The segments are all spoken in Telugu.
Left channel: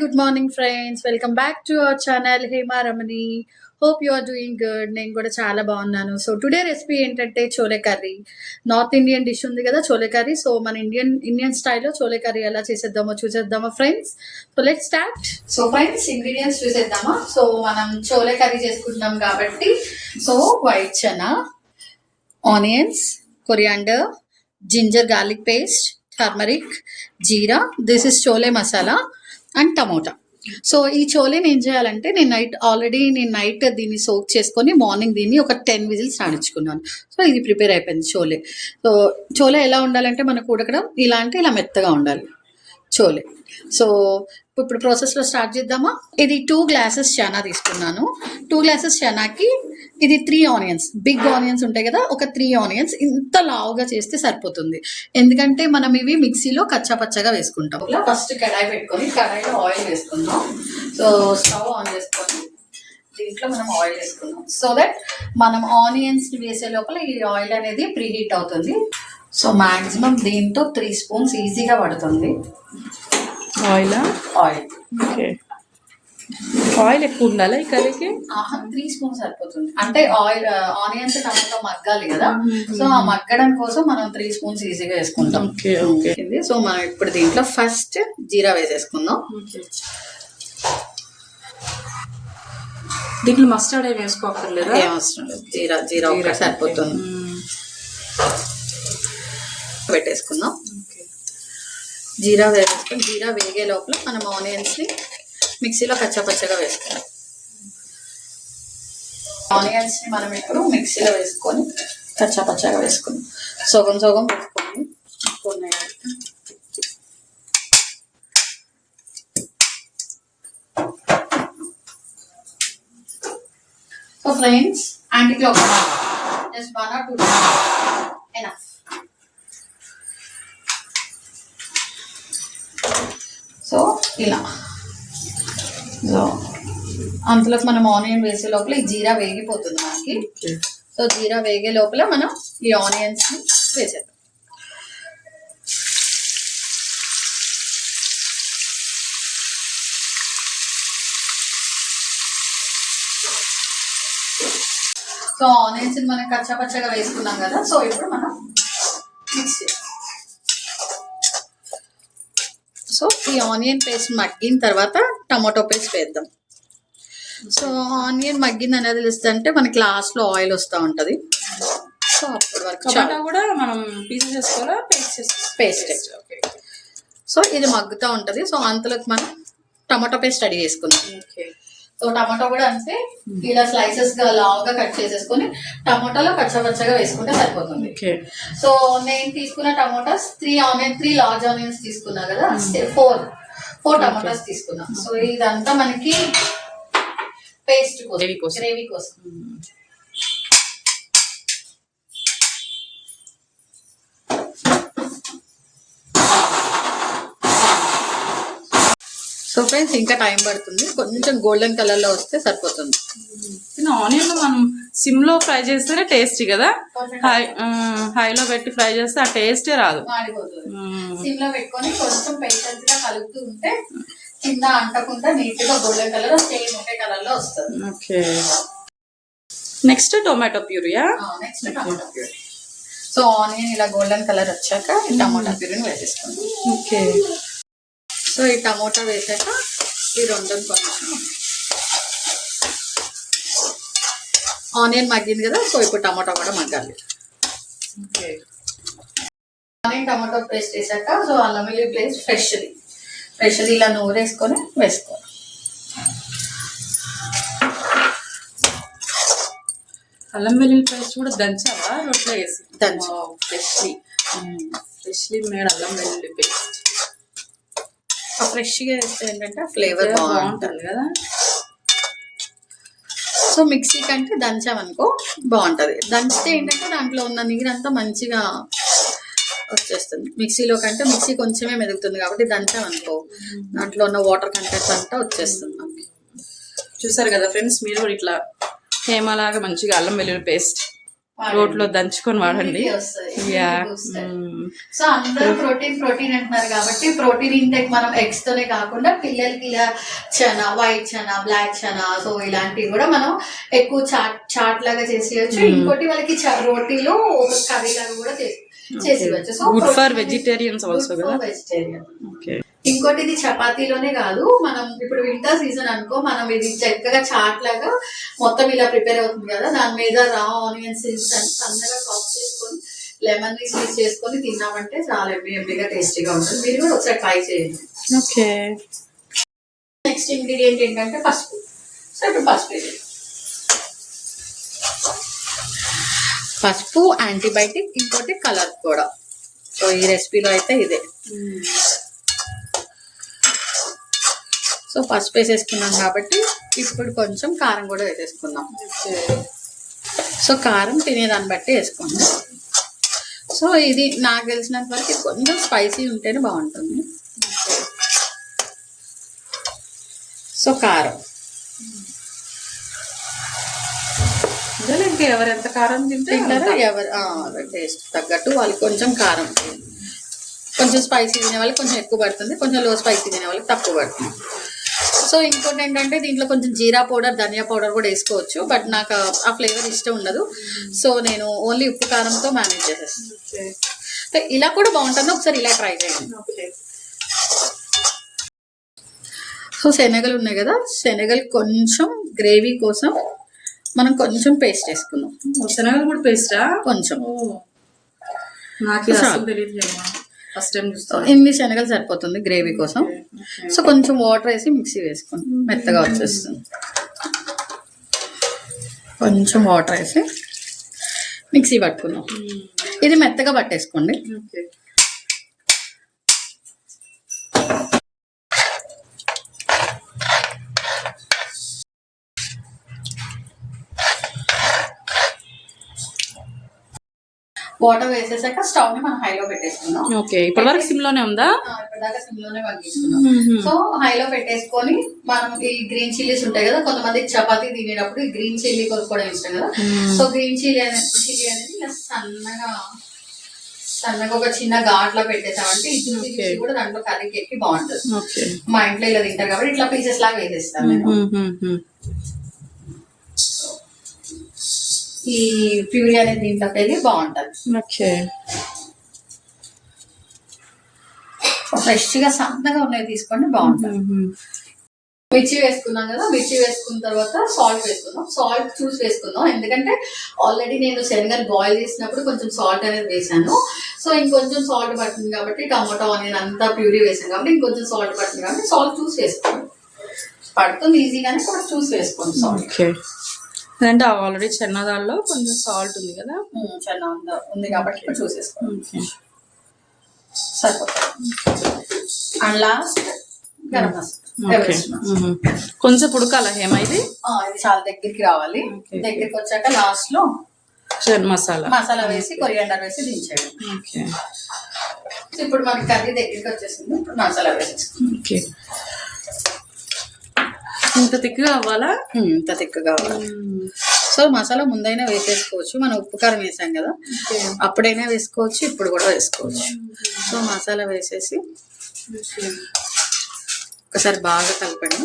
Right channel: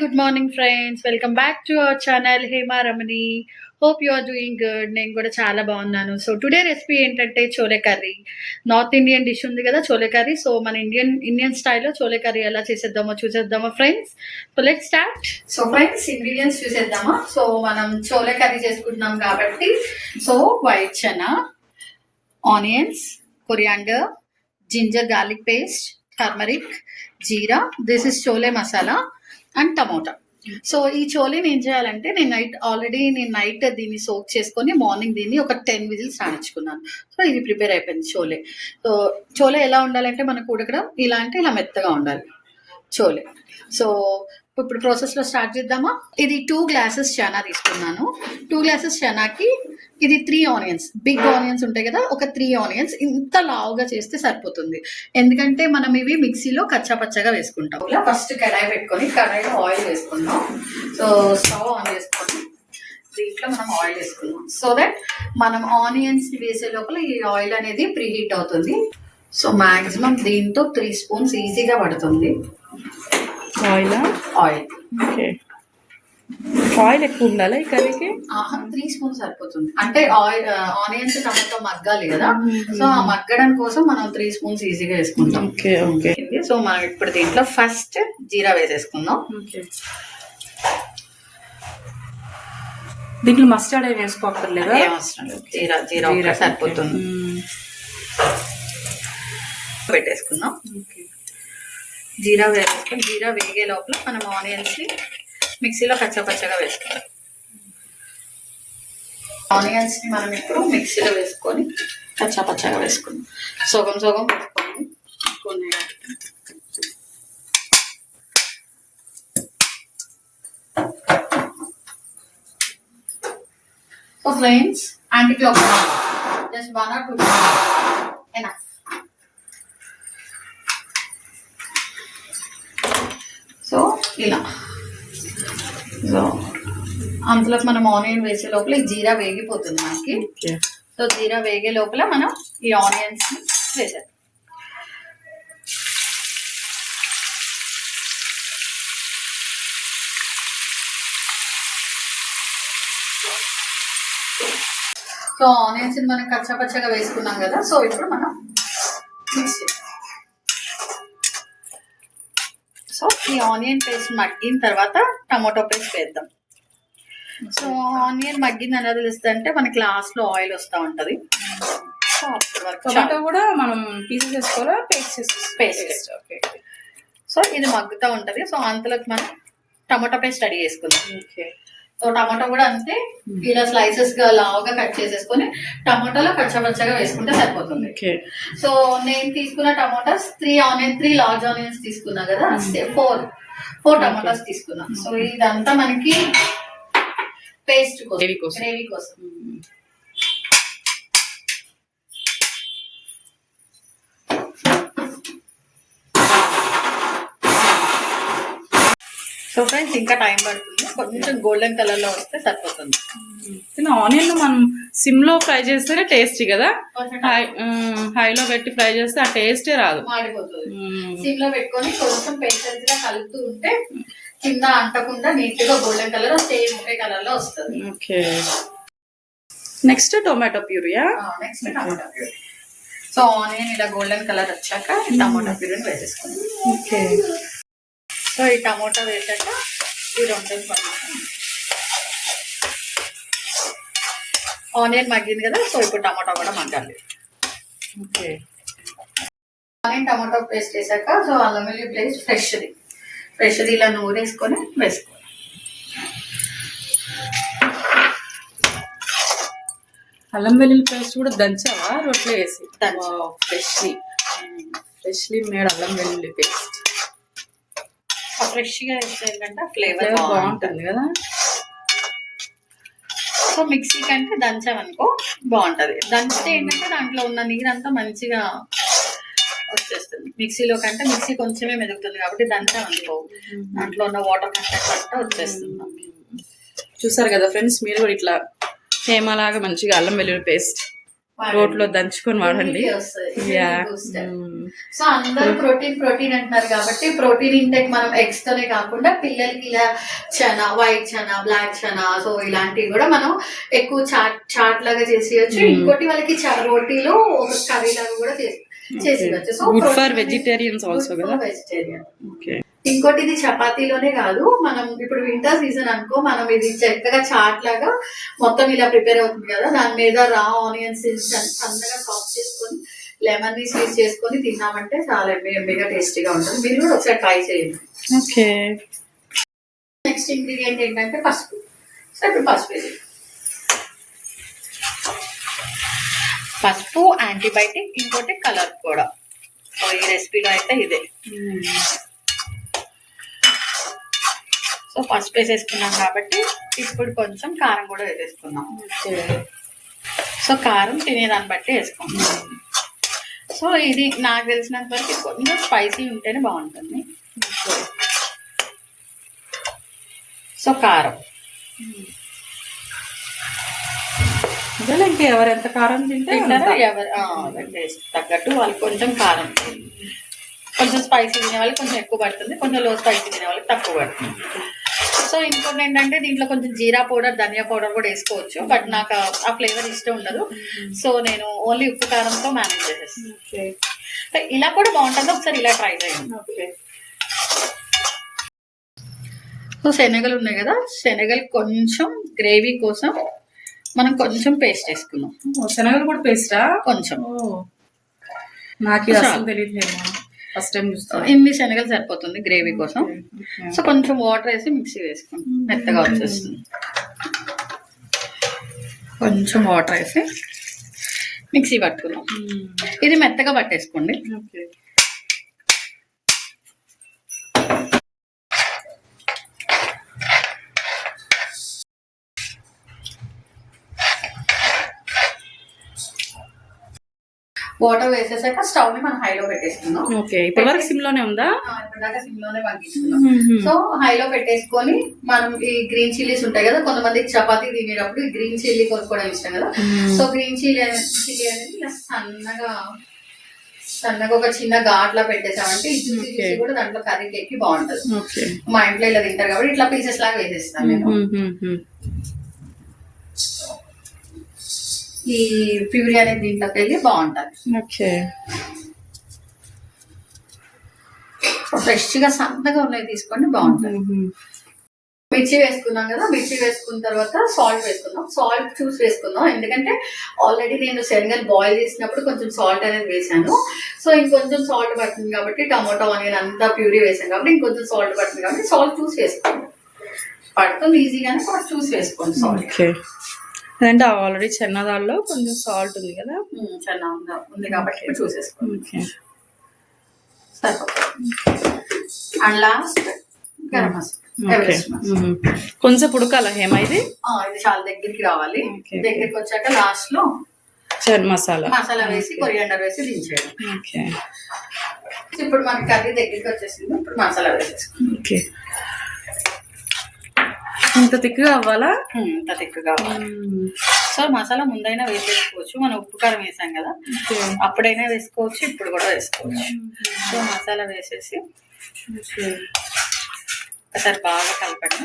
good morning friends. Welcome back to our channel Hema Ramani. Hope you are doing good. నేను కూడా చాలా బాగున్నాను. సో టుడే రెసిపీ ఏంటంటే chole curry. North Indian dish ఉంది కదా చోలే కర్రీ. సో మన ఇండియన్ స్టైల్లో చోలే కర్రీ ఎలా చేసేద్దామో చూసేద్దామా friends. So let's start. So friends ingredients చూసేద్దామా. సో మనం చోలే కర్రీ చేసుకుంటున్నాం కాబట్టి so white chana, onions, coriander, ginger garlic paste, turmeric, jeera, this is chole masala and tomato. So ఈ చోలేని ఏం చేయాలంటే నేను నైట్ దీన్ని సోక్ చేసుకొని మార్నింగ్ దీన్ని ఒక 10 విజిల్స్ రాణించుకున్నాను. సో ఇది ప్రిపేర్ అయిపోయింది చోలే. సో చోలే ఎలా ఉండాలంటే మనకు ఉడకడం ఇలా మెత్తగా ఉండాలి చోలే. సో ఇప్పుడు ప్రాసెస్లో స్టార్ట్ చేద్దామా. ఇది 2 గ్లాసెస్ చనా తీసుకున్నాను. 2 గ్లాసెస్ చనాకి ఇది 3 ఆనియన్స్, బిగ్ ఆనియన్స్ ఉంటాయి కదా, ఒక 3 ఆనియన్స్ ఇంత లావుగా చేస్తే సరిపోతుంది. ఎందుకంటే మనం ఇవి మిక్సీలో కచ్చాపచ్చగా వేసుకుంటాం. ఇలా ఫస్ట్ కడాయి పెట్టుకొని కడాయిలో ఆయిల్ వేసుకుందాం. సో స్టవ్ ఆన్ చేసుకొని దీంట్లో మనం ఆయిల్ వేసుకుందాం. సో దట్ మనం ఆనియన్స్ వేసే లోపల ఈ ఆయిల్ అనేది ప్రీ హీట్ అవుతుంది. సో మాక్సిమం దీంతో 3 స్పూన్స్ ఈజీగా పడుతుంది ఆయిల్. ఓకే, ఆయిల్ ఎక్కువ ఉండాలి ఈ కర్రీకి. 3 స్పూన్స్ సరిపోతుంది. అంటే ఆనియన్స్ టమాటో మగ్గాలి కదా, సో ఆ మగ్గడం కోసం మనం 3 స్పూన్స్ ఈజీగా వేసుకుంటాం. సో మనం ఇప్పుడు దీంట్లో ఫస్ట్ జీరా వేసేసుకుందాం. దీంట్లో మస్టర్డ్ ఏం వేసుకోక్కర్లేదు, ఏం అవసరం లేదు. జీరా ఒకటి సరిపోతుంది. పెట్టేసుకుందాం. జీరా వేసేసుకొని జీరా వేగే లోపల మనం ఆనియన్స్ని మిక్సీలో కచ్చాపచ్చగా వేసుకోవాలి. ఆనియన్స్ని మనం ఇప్పుడు మిక్సీలో వేసుకొని కచ్చాపచ్చగా వేసుకుందాం. సగం వేసుకొని so friends anti clock just 1 or 2 enough. So ఇలా సో అంతలోకి మనం ఆనియన్ వేసే లోపల ఈ జీరా వేగిపోతుంది మనకి. సో జీరా వేగే లోపల మనం ఈ ఆనియన్స్ని వేసేద్దాం. సో ఆనియన్స్ని మనం కచ్చాపచ్చగా వేసుకున్నాం కదా, సో ఇప్పుడు మనం మిక్స్ చేస్తాం. సో ఈ ఆనియన్ పేస్ట్ మగ్గిన తర్వాత టమాటో పేస్ట్ వేద్దాం. సో ఆనియన్ మగ్గింది అనేది తెలుస్తుంటే మనకి లాస్ట్లో ఆయిల్ వస్తూ ఉంటుంది. సో అప్పటి వరకు టమాటో కూడా మనం పీసెస్ వేసుకోవాలా, పేస్ట్. ఓకే, సో ఇది మగ్గుతూ ఉంటుంది. సో అంతలోకి మనం టమాటో పేస్ట్ రెడీ చేసుకుందాం. సో టమాటో కూడా అంతే, ఇలా స్లైసెస్ గా లావుగా కట్ చేసేసుకొని టమాటాలో కచ్చపచ్చగా వేసుకుంటే సరిపోతుంది. సో నేను తీసుకున్న టమాటాస్ 3 లార్జ్ ఆనియన్స్ తీసుకున్నా కదా, 4 టమాటాస్ తీసుకున్నా. సో ఇదంతా మనకి పేస్ట్ కోసం, గ్రేవీ కోసం. సో ఫ్రెండ్స్ ఇంకా టైం పడుతుంది, కొంచెం గోల్డెన్ కలర్ లో వస్తే సరిపోతుంది. ఆనియన్ మనం సిమ్ లో ఫ్రై చేస్తేనే టేస్టీ కదా, హైలో పెట్టి ఫ్రై చేస్తే ఆ టేస్టే రాదు, మాడిపోతుంది. సిమ్ లో పెట్టుకొని కొంచెం పేషెన్స్ గా కలుపుతూ ఉంటే కింద అంటకుండా నీట్ గా గోల్డెన్ కలర్ సేమ్ ఒకే కలర్ లో వస్తుంది. ఓకే, నెక్స్ట్ టొమాటో ప్యూరియా. Next tomato puree. So onion ఇలా గోల్డెన్ కలర్ వచ్చాక టమాటో ప్యూరీని వేసేసుకోండి. ఓకే, సో ఈ టమోటా వేసాక ఈ రెండుని కొంచెం ఆనియన్ మగ్గింది కదా, సో ఇప్పుడు టమాటా కూడా మగ్గాలి. ఓకే, ఆనియన్ టమాటో పేస్ట్ వేసాక సో అల్లం వెల్లుల్లి పేస్ట్ ఫ్రెష్ది ఇలా నూరేసుకొని వేసుకోవాలి. అల్లం వెల్లుల్లి పేస్ట్ కూడా దంచావా రొట్టెలో వేసి? ఫ్రెష్లీ మేడ్ అల్లం వెల్లుల్లి పేస్ట్ ఫ్రెష్గా వేస్తే ఏంటంటే ఫ్లేవర్ బాగుంటుంది కదా. సో మిక్సీ కంటే దంచామనుకో బాగుంటుంది. దంచితే ఏంటంటే దాంట్లో ఉన్న నీరంతా మంచిగా వచ్చేస్తుంది. మిక్సీలో కంటే మిక్సీ కొంచెమే మెదుగుతుంది కాబట్టి దంచామనుకో దాంట్లో ఉన్న వాటర్ కంటెంట్ అంతా వచ్చేస్తుంది. చూసారు కదా ఫ్రెండ్స్, మీరు కూడా ఇట్లా హేమలాగా మంచిగా అల్లం వెల్లుల్లి పేస్ట్ రోట్లో దంచుకొని వాడండి. యా. సో అందరూ ప్రోటీన్ అంటున్నారు కాబట్టి ప్రోటీన్ ఇంటెక్ మనం ఎగ్స్ తోనే కాకుండా పిల్లలకి ఇలా chana, white chana, black chana, so ఇలాంటివి కూడా మనం ఎక్కువ చాట్ లాగా చేసేయచ్చు. ఇంకోటి వాళ్ళకి రోటీలో ఒక కర్రీ లాగా కూడా చేసేయచ్చు. So good for vegetarians also కదా. వెజిటేరియన్. ఓకే. ఇంకోటి ఇది చపాతీలోనే కాదు, మనం ఇప్పుడు వింటర్ సీజన్ అనుకో, మనం ఇది చక్కగా చాట్ లాగా మొత్తం ఇలా ప్రిపేర్ అవుతుంది కదా, దాని మీద రా ఆనియన్స్ సన్నగా చాప్ చేసుకొని లెమన్ ని స్వీట్ చేసుకొని తిన్నామంటే చాలా ఎమ్మెగా టేస్టీగా ఉంటుంది. మీరు కూడా ఒకసారి ట్రై చేయండి. ఓకే. నెక్స్ట్ ఇంగ్రీడియంట్ ఏంటంటే పసుపు. సో ఇప్పుడు పసుపు ఇది. పసుపు యాంటీబయాటిక్, ఇంకోటి కలర్ కూడా. సో ఈ రెసిపీలో అయితే ఇదే. సో పసుపు వేసేసుకున్నాం కాబట్టి ఇప్పుడు కొంచెం కారం కూడా వేసేసుకున్నాం. సో కారం తినేదాన్ని బట్టి వేసుకుంటాం. సో ఇది నాకు తెలిసినంత వరకు కొంచెం స్పైసీ ఉంటేనే బాగుంటుంది. సో కారం ఎవరెంత కారం తింటారో ఎవరు టేస్ట్ తగ్గట్టు వాళ్ళకి కొంచెం కారం, కొంచెం స్పైసీ తినే వాళ్ళకి కొంచెం ఎక్కువ పడుతుంది, కొంచెం లో స్పైసీ తినే వాళ్ళకి తక్కువ పడుతుంది. సో ఇంకోటి ఏంటంటే దీంట్లో కొంచెం జీరా పౌడర్, ధనియా పౌడర్ కూడా వేసుకోవచ్చు, బట్ నాకు ఆ ఫ్లేవర్ ఇష్టం ఉండదు. సో నేను ఓన్లీ ఉప్పు కారంతో మేనేజ్ చేసేస్తాను. ఇలా కూడా బాగుంటుంది, ఒకసారి ఇలా ట్రై చేయండి. సో శనగలు ఉన్నాయి కదా, శనగలు కొంచెం గ్రేవీ కోసం మనం కొంచెం పేస్ట్ వేసుకున్నాం. శనగలు కూడా పేస్టా? కొంచెం. నాకు తెలియదు, ఫస్ట్ టైం చూస్తాను. ఇన్ని శనగలు సరిపోతుంది గ్రేవీ కోసం. సో కొంచెం వాటర్ వేసి మిక్సీ వేసుకోండి, మెత్తగా వచ్చేస్తుంది. కొంచెం వాటర్ వేసి మిక్సీ పట్టుకున్నాం. ఇది మెత్తగా పట్టేసుకోండి. వాటర్ వేసేసాక స్టవ్ ని మనం హైలో పెట్టేసుకున్నాం. ఓకే. ఇప్పటి వరకు సిమ్ లోనే ఉందా? ఇప్పటిదాకా సిమ్ లోనే పండించుకున్నాం. సో హైలో పెట్టేసుకొని మనం ఈ గ్రీన్ చిల్లీస్ ఉంటాయి కదా, కొంతమంది చపాతీ తినేటప్పుడు ఈ గ్రీన్ చిల్లీ కొనుక్కోవడం ఇష్టం కదా. సో గ్రీన్ చిల్లీ అనేది ఇలా సన్నగా ఒక చిన్న ఘాట్లా పెట్టేసామంటే ఇది కూడా దాంట్లో కర్రీకి ఎక్కి బాగుంటుంది. మా ఇంట్లో ఇలా తింటారు కాబట్టి ఇట్లా పీసెస్ లాగా వేసేస్తాను నేను. ఈ ప్యూరీ అనేది దీంట్లోకి వెళ్ళి బాగుంటుంది. ఓకే. ఫ్రెష్ గా సన్నగా ఉన్నాయి తీసుకోండి, బాగుంటుంది. మిర్చి వేసుకున్నాం కదా, మిర్చి వేసుకున్న తర్వాత సాల్ట్ వేసుకుందాం. సాల్ట్ చూసి వేసుకుందాం, ఎందుకంటే ఆల్రెడీ నేను శనగలు బాయిల్ చేసినప్పుడు కొంచెం సాల్ట్ అనేది వేసాను. సో ఇంకొంచెం సాల్ట్ పడుతుంది కాబట్టి, టమాటో ఆనియన్ అంతా ప్యూరీ వేసాను కాబట్టి ఇంకొంచెం సాల్ట్ పడుతుంది కాబట్టి సాల్ట్ చూసి వేసుకోండి. పడుతుంది ఈజీగానే, కూడా చూసి వేసుకోండి సాల్ట్. అంటే ఆల్రెడీ చెన్న దాల్లో కొంచెం సాల్ట్ ఉంది కదా, చెన్న ఉంది కాబట్టి చూసేసుకోండి, సరిపోతుంది. అండ్ లాస్ట్ గరం మసాలా కొంచెం ఉడకాల హేమ, ఇది చాలా దగ్గరికి రావాలి. దగ్గరికి వచ్చాక లాస్ట్ లో మసాలా వేసి కొరియాండర్ వేసి దించేయడం. ఇప్పుడు మనకి కర్రీ దగ్గరికి వచ్చేసింది, ఇప్పుడు మసాలా వేసేసుకోండి. ఇంత తిక్కుగా అవ్వాలా? ఇంత తిక్కుగా అవ్వాలి. సో మసాలా ముందైనా వేసేసుకోవచ్చు, మనం ఉప్పు కారం వేసాం కదా, అప్పుడైనా వేసుకోవచ్చు, ఇప్పుడు కూడా వేసుకోవచ్చు. సో మసాలా వేసేసి ఒకసారి బాగా కలపండి.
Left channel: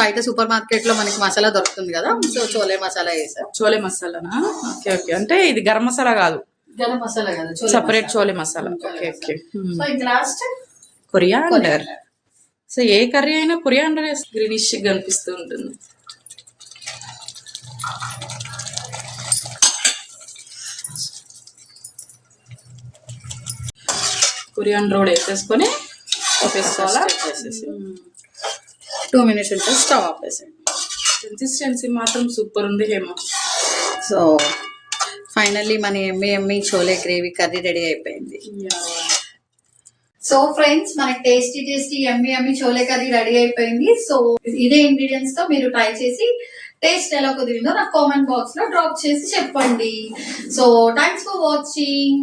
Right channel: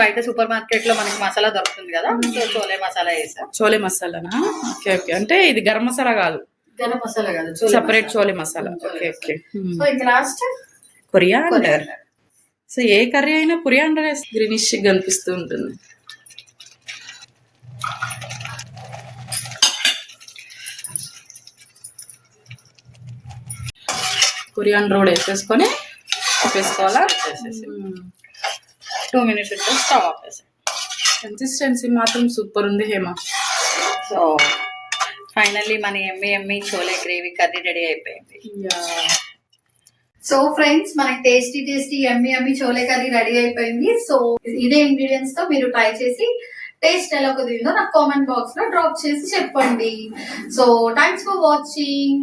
బయట సూపర్ మార్కెట్ లో మనకి మసాలా దొరుకుతుంది కదా, సో చోలే మసాలా వేసా. చోలే మసాలానా? Okay okay. అంటే ఇది గరం మసాలా కాదు, గరం మసాలా కాదు, separate chole masala. Okay okay. So ఇది లాస్ట్ కొరియాండర్. సో ఏ కర్రీ అయినా కొరియాండర్ వేస్తే గ్రీనిష్ కనిపిస్తూ ఉంటుంది. కొరియాండర్ కూడా వేసేసుకొని వేసుకోవాలా? 2 minutes ఉంటే స్టవ్ ఆపేసాను. కన్సిస్టెన్సీ మాత్రం సూపర్ ఉంది హేమ. సో ఫైనల్లీ మన yummy chole gravy curry ready అయిపోయింది. సో ఫ్రెండ్స్, మనకి tasty yummy chole curry ready అయిపోయింది. సో ఇదే ఇంగ్రీడియంట్స్ తో మీరు ట్రై చేసి టేస్ట్ ఎలా కుదిరిందో నాకు కామెంట్ బాక్స్ లో డ్రాప్ చేసి చెప్పండి. So thanks for watching.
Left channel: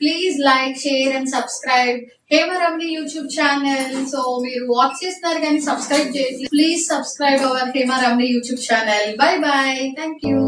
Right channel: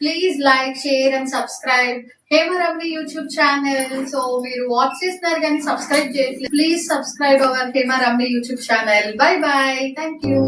Please like, share and subscribe Hemaramani YouTube channel. So మీరు వాచ్ చేస్తున్నారు కానీ సబ్స్క్రైబ్ చేయట్లేదు. Please subscribe our Hemaramani YouTube channel. Bye bye. Thank you.